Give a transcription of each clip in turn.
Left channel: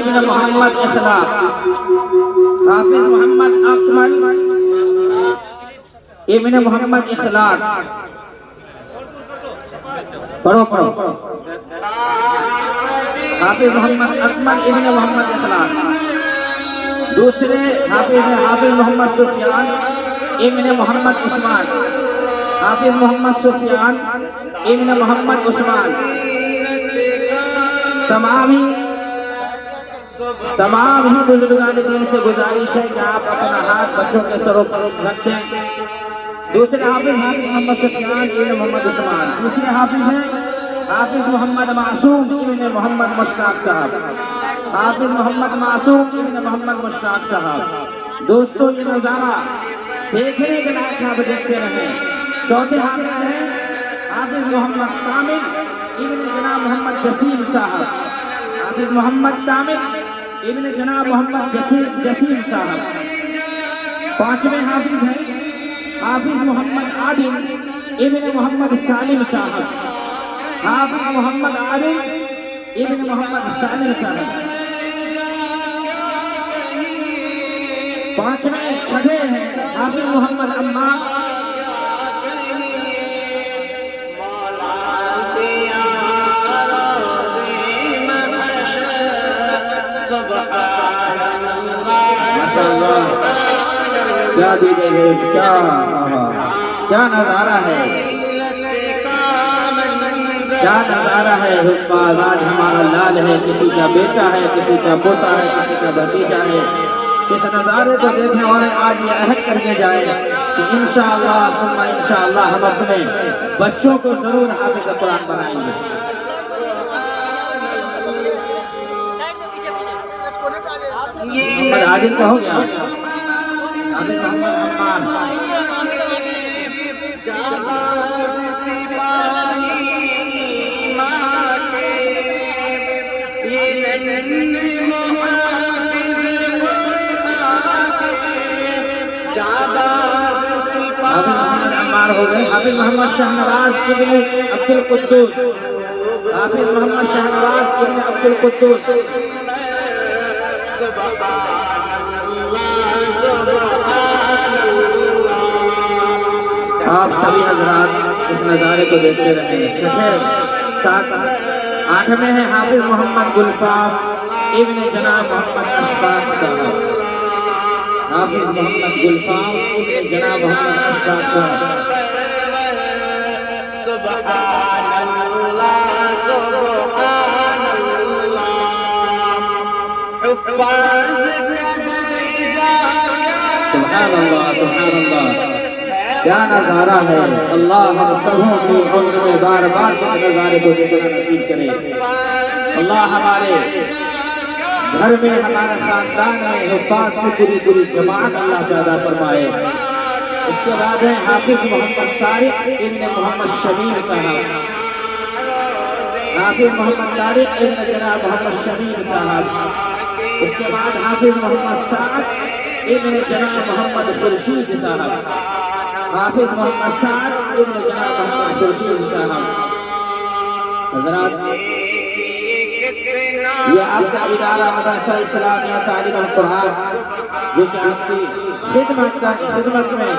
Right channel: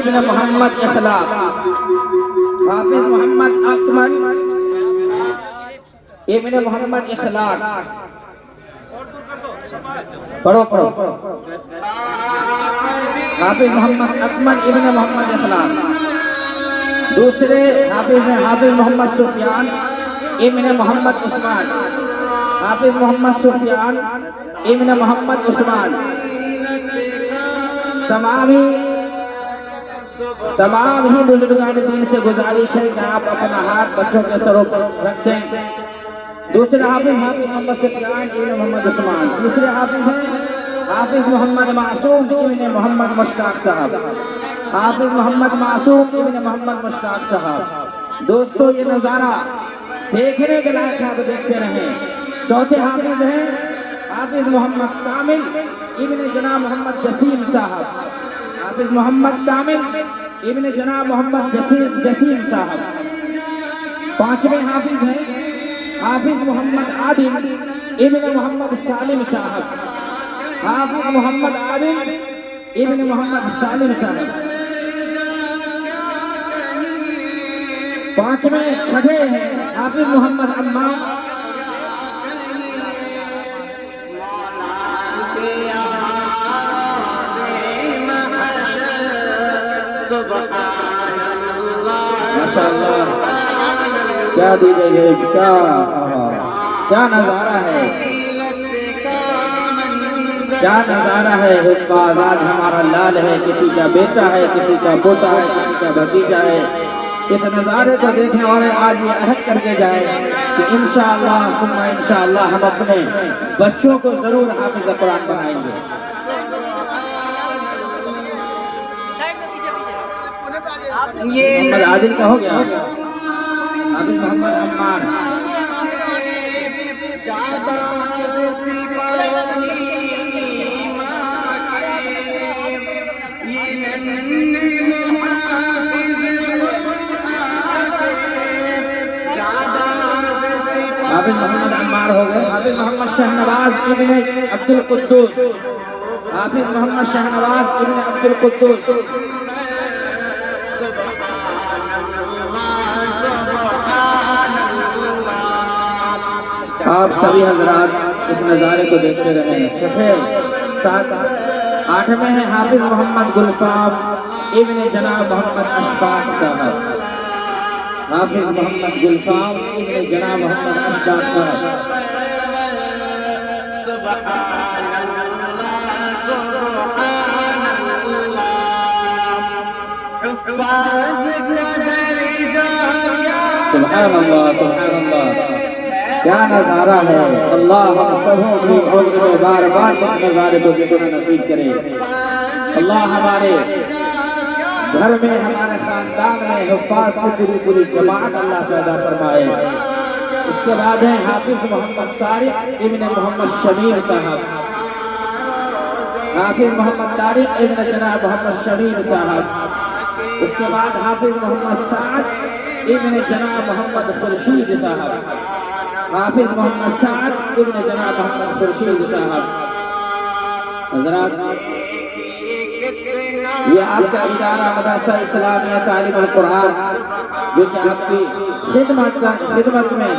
ابن محمد اخلاق، حافظ محمد اکمل ابن محمد اخلاق. پڑھو حافظ محمد اکمل ابن محمد اخلاق. دوسرے حافظ محمد سفیان ابن محمد عثمان. حافظ محمد سفیان ابن محمد عثمان. تمام ہی بزرگان دین سے گزارش ہے کہ آپ اپنا ہاتھ بچوں کے سروں پر رکھ دیں. دوسرے حافظ محمد سفیان ابن محمد عثمان. تیسرے حافظ ہیں حافظ محمد معصوم ابن محمد مشتاق صاحب. حافظ محمد معصوم ابن محمد مشتاق صاحب. دوستو یہ نظارہ دیکھنے کے لائق آپ دیکھتے رہے. چوتھے حافظ ہیں حافظ محمد کامل ابن جناب محمد جسیم صاحب. حافظ محمد کامل ابن جناب محمد جسیم صاحب. پانچویں حافظ ہیں حافظ محمد عادل ابن محمد سالم صاحب. حافظ محمد عادل ابن محمد سالم صاحب. چھٹے ہیں حافظ محمد عمار کیا نظارہ ہے، کیا نظارہ ہے. حفاظ آج ہمارا لال ہے، کسی کا بیٹا ہے، کسی کا پوتا ہے، کسی کا بھتیجا ہے. اس نظارے کو دیکھنے والے آج یہ عہد کر کے جائے کہ انشاءاللہ ثم انشاءاللہ ہم اپنے بچوں کو ضرور حافظ قرآن بنائیں گے. محمد عادل کا ہو گیا. حافظ محمد عمار. حافظ محمد شہنواز ابن عبد القدوس. حافظ محمد شہنواز ابن عبد القدوس. آپ سبھی حضرات اس نظارے کو دیکھتے رہے. آٹھویں ہیں حافظ محمد گلفام ابن جناب محمد اشفاق صاحب. حافظ محمد گلفام ابن جناب محمد اشفاق صاحب. سبحان اللہ سبحان اللہ. سبحان اللہ سبحان اللہ. کیا نظارہ ہے. اللہ ہم سبوں کو عمر میں بار بار اس نظارے کو دیکھنا نصیب کرے. اللہ ہمارے گھر میں ہمارے خاندان میں حفاظ کی پوری جماعت اللہ پیدا فرمائے. اس کے بعد ہے حافظ محمد طارق ابن محمد شمیم صاحب. حافظ محمد طارق ابن جناب محمد شمیم صاحب. اس کے بعد حافظ محمد سعد ابن جناب محمد خورشید صاحب. حافظ محمد سعد ابن جناب محمد خورشید صاحب. حضرات یہ آپ کا ادارہ مدرسہ اسلامیہ تعلیم القرآن جو کہ آپ کی خدمت میں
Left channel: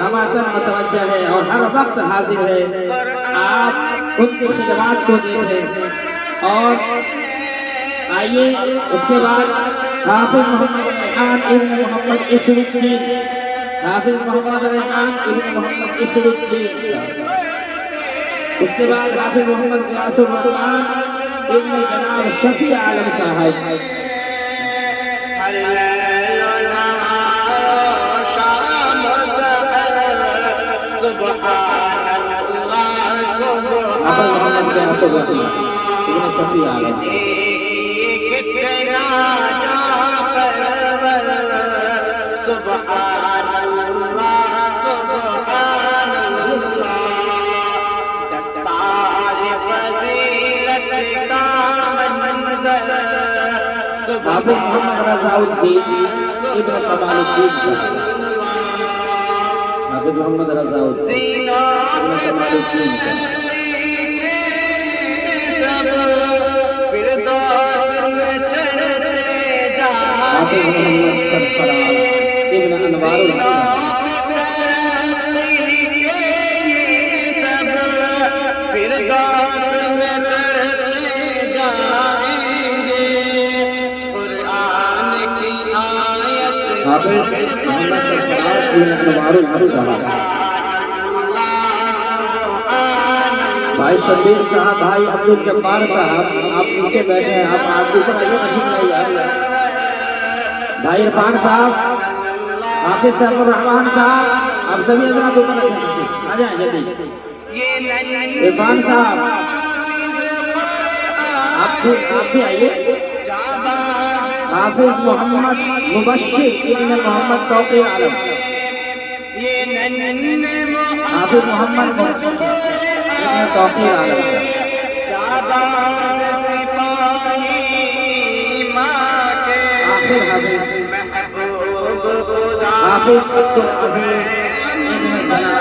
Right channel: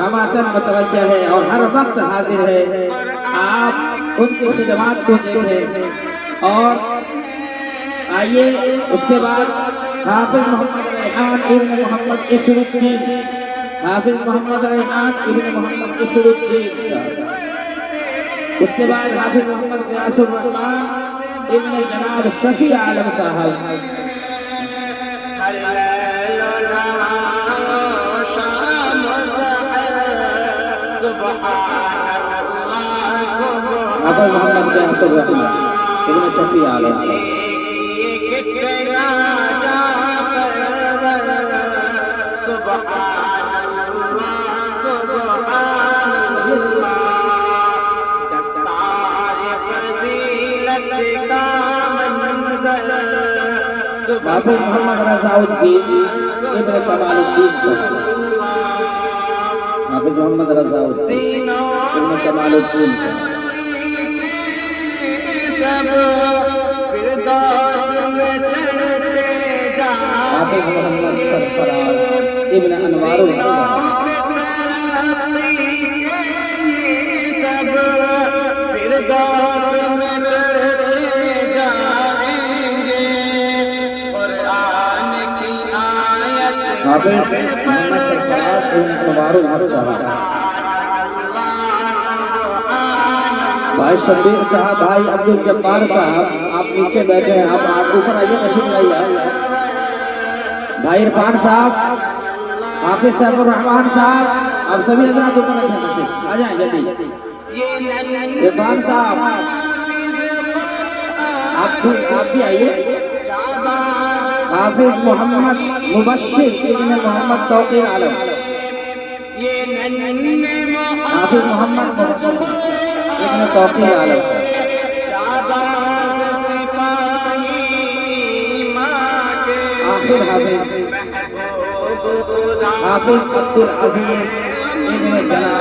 ہماتن متوجہ ہے اور ہر وقت حاضر ہے. آپ ان کی خدمات کو دیکھیں. اور آئیے اس کے بعد حافظ محمد ریحان ابن محمد عیسوی الدین. حافظ محمد ریحان ابن محمد عیسوی الدین. اس کے بعد حافظ محمد غیاث الرحمان ابن جناب شفیع عالم صاحب. ہر لیل و نہار شام و سحر سبحان اللہ سبحان اللہ. شفیع عالم کتنا جعفر سبحان اللہ سبحان اللہ. دستار فضیلت کا منظر سبحان اللہ. حافظ محمد رضا الدین ابن کمال الدین. فردوس میں چڑھ صاحب بھائی عبد الجبار صاحب آپ نیچے بیٹھے ہیں، آپ اوپر آئیے، تشریف لائیے۔ بھائی عرفان صاحب، حافظ صاحب الرحمان صاحب، آپ سبھی حضرات اوپر رکھیں، آ جائیں جلدی۔ عرفان صاحب آپ بھی آئیے۔ حافظ محمد مبشر ابن محمد توقیر عالم، حافظ محمد ابن توقیر عالم، حافظ عبد العزیز ابن جلال،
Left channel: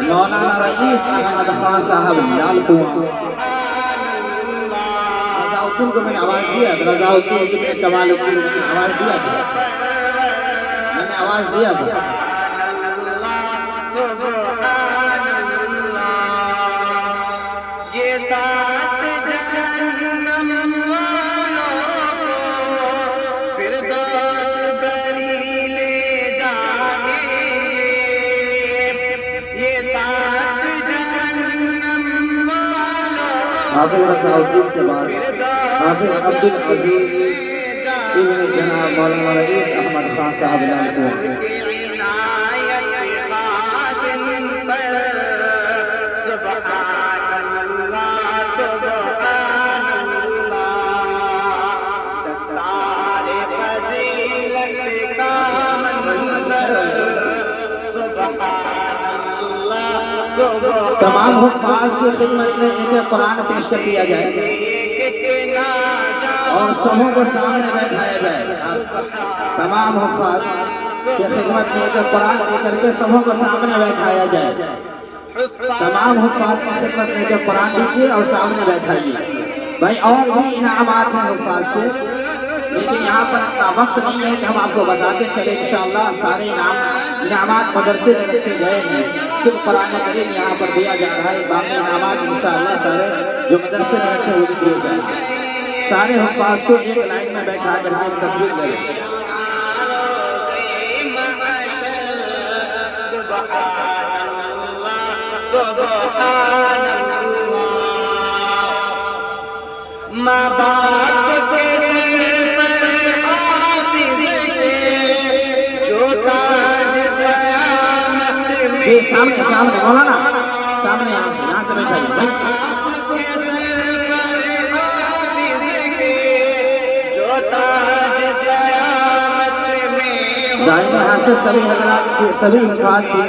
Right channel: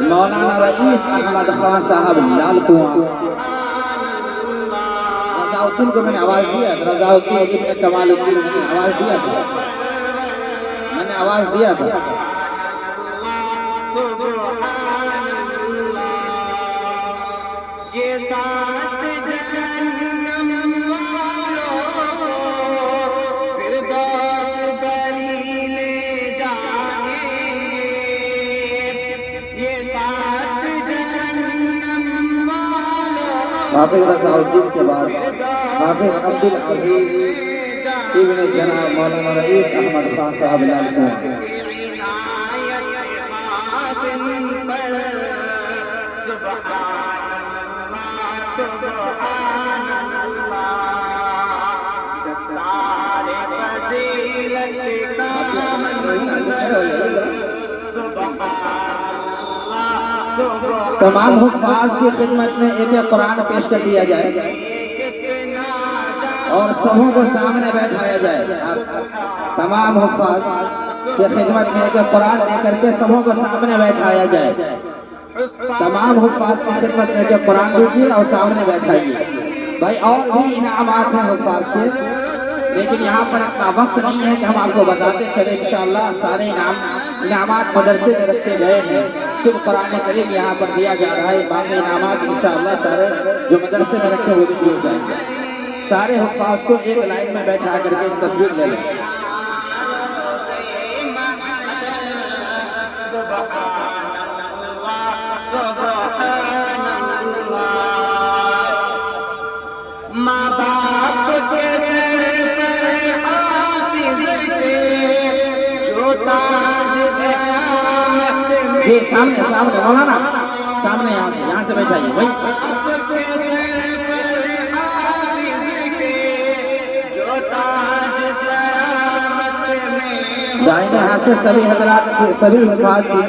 مولانا رئیس احمد خان صاحب لال کنواں۔ رضاؤدین کو میں نے آواز دیا تھا، رضاؤدین ابن کمال الدین کو آواز دیا تھا، میں نے آواز دیا تھا۔ یہ سات جہنم فردوس بری لے جائیں گے، یہ سات جہنم حافظ رضاؤدین کے بعد حافظ عبد العزیز ابن جلال، مولانا رئیس احمد خان صاحب لال کنواں۔ سبحان اللہ سبحان اللہ، دستار فضیلت کا منظر، سبحان اللہ سبحان۔ تمام حفاظ کی خدمت میں ایک قرآن پیش کر دیا جائے اور سبوں کو سامنے بیٹھایا جائے۔ تمام حفاظ کی خدمت میں ایک قرآن دے کر کے سبوں کو سامنے بیٹھایا جائے۔ تمام حفاظ کی خدمت میں ایک قرآن دیکھیے اور سامنے بیٹھائیے۔ بھائی اور بھی انعامات ہیں حفاظ کے، لیکن یہاں پر اتنا وقت نہیں ہے کہ ہم آپ کو بتاتے چلے۔ انشاءاللہ سارے انعامات مدرسے میں رکھے گئے ہیں، صرف قرآن کریم یہاں پر دیا جا رہا ہے۔ باقی انعامات انشاءاللہ سارے جو مدرسے میں رکھے وہ دیے جائیں گے۔ سارے حفاظ کو ایک لائن میں بیٹھا کر کے ایک تصویر لے لیں۔ سبحان اللہ، ماں باپ کے سر پر حافظ کے جو تاج قیامت میں، سامنے سامنے مولانا سامنے یہاں سے بیٹھائیے بھائی۔ سبھی حضرات سے سبھی حفاظ سے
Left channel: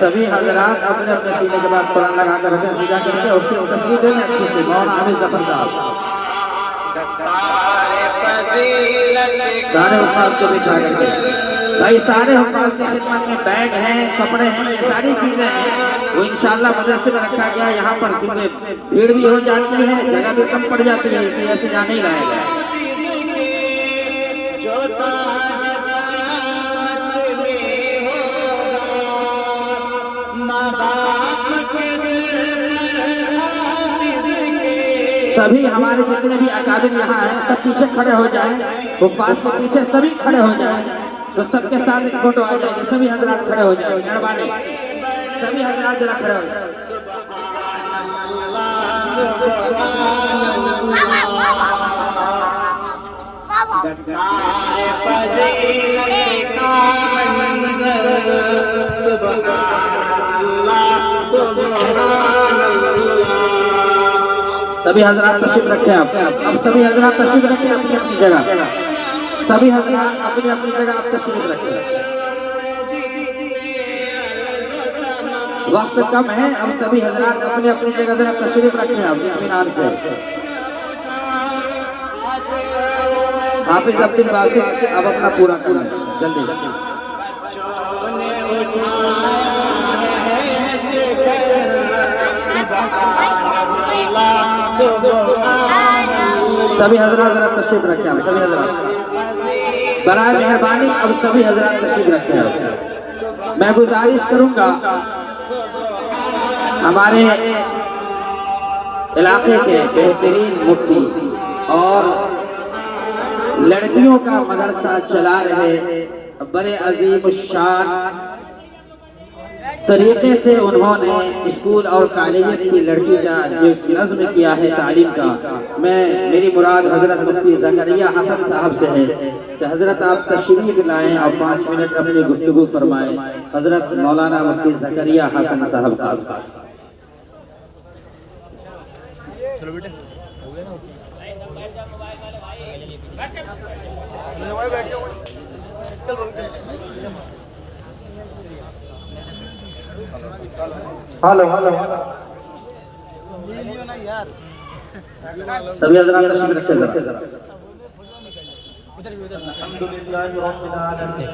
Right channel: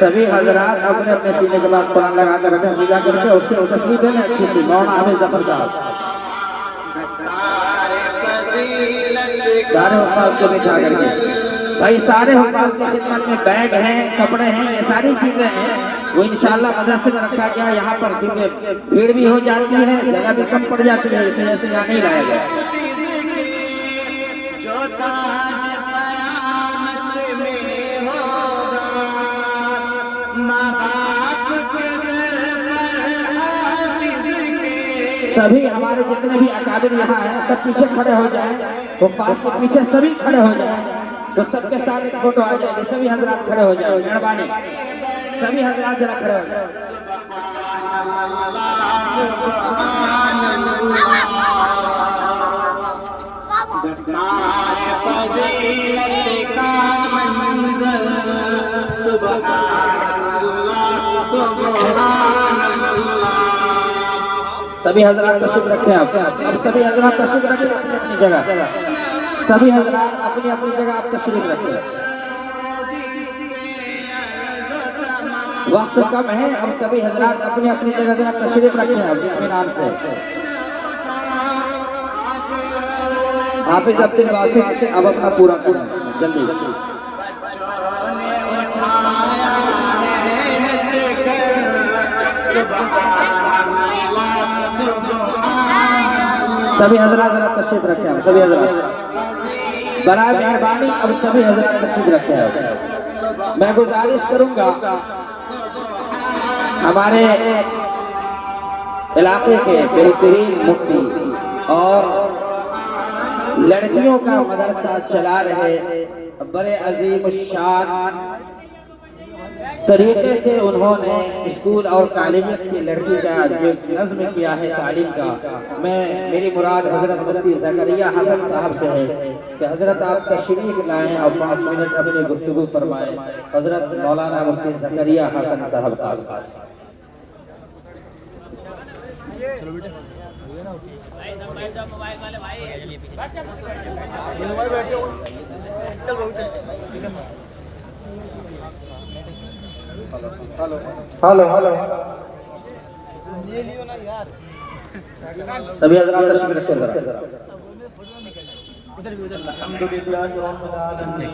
سبھی حضرات اپنے اپنے سینے کے بعد قرآن لگا کر رکھیں، سیدھا کر کے اس کی تصویر دیں اچھی سی۔ مولانا عامر ظفر صاحب سارے حفاظ کو بٹھا کر کے، بھائی سارے حفاظ کی خدمت میں بیگ ہیں، کپڑے ہیں، یہ ساری چیزیں ہیں، وہ انشاءاللہ مدرسے میں رکھا گیا ہے یہاں پر، کیونکہ بھیڑ بھی ہو جاتی ہے، جگہ بھی کم پڑ جاتی ہے، اسی وجہ سے یہاں نہیں لایا گیا۔ سبھی ہمارے جتنے بھی اکابر یہاں ہیں سب پیچھے کھڑے ہو جائیں، حفاظ کے پیچھے سبھی کھڑے ہو جائیں، تو سب کے ساتھ ایک فوٹو آ جائے گی۔ سبھی حضرات کھڑے ہو جائیں، مہربانی سبھی حضرات ذرا کھڑے ہو جائیں۔ سبھی حضرات تشریف رکھیں، آپ سبھی حضرات تشریف رکھیں اپنی اپنی جگہ، سبھی حضرات اپنی اپنی جگہ آپ تشریف رکھیں۔ وقت کم ہے، اب سبھی حضرات اپنی اپنی جگہ ذرا تشریف رکھیں آپ اطمینان سے۔ حافظ عبد الباسط اب اپنا پورا کریں جلدی۔ سبھی حضرات ذرا تشریف رکھیں آپ سبھی حضرات، برائے مہربانی اب سبھی حضرات تشریف رکھیں آپ۔ میں گزارش کروں گا ہمارے علاقے کے بہترین مفتی اور لڑکیوں کا مدرسہ چلا رہے بڑے عظیم الشان طریقے سے انہوں نے اسکول اور کالجز کی لڑکی کا جو نظم کیا ہے تعلیم کا، میری مراد حضرت مفتی زکریا حسن صاحب سے ہے کہ حضرت آپ تشریف لائیں اور 5 منٹ اپنی گفتگو فرمائیں۔ حضرت مولانا مفتی زکریا حسن صاحب کا چلو بیٹے ہو گیا نا چل بابو چل ہلو سبھی حضرات تشریف رکھیں ذرا۔ الحمدللہ رب العالمین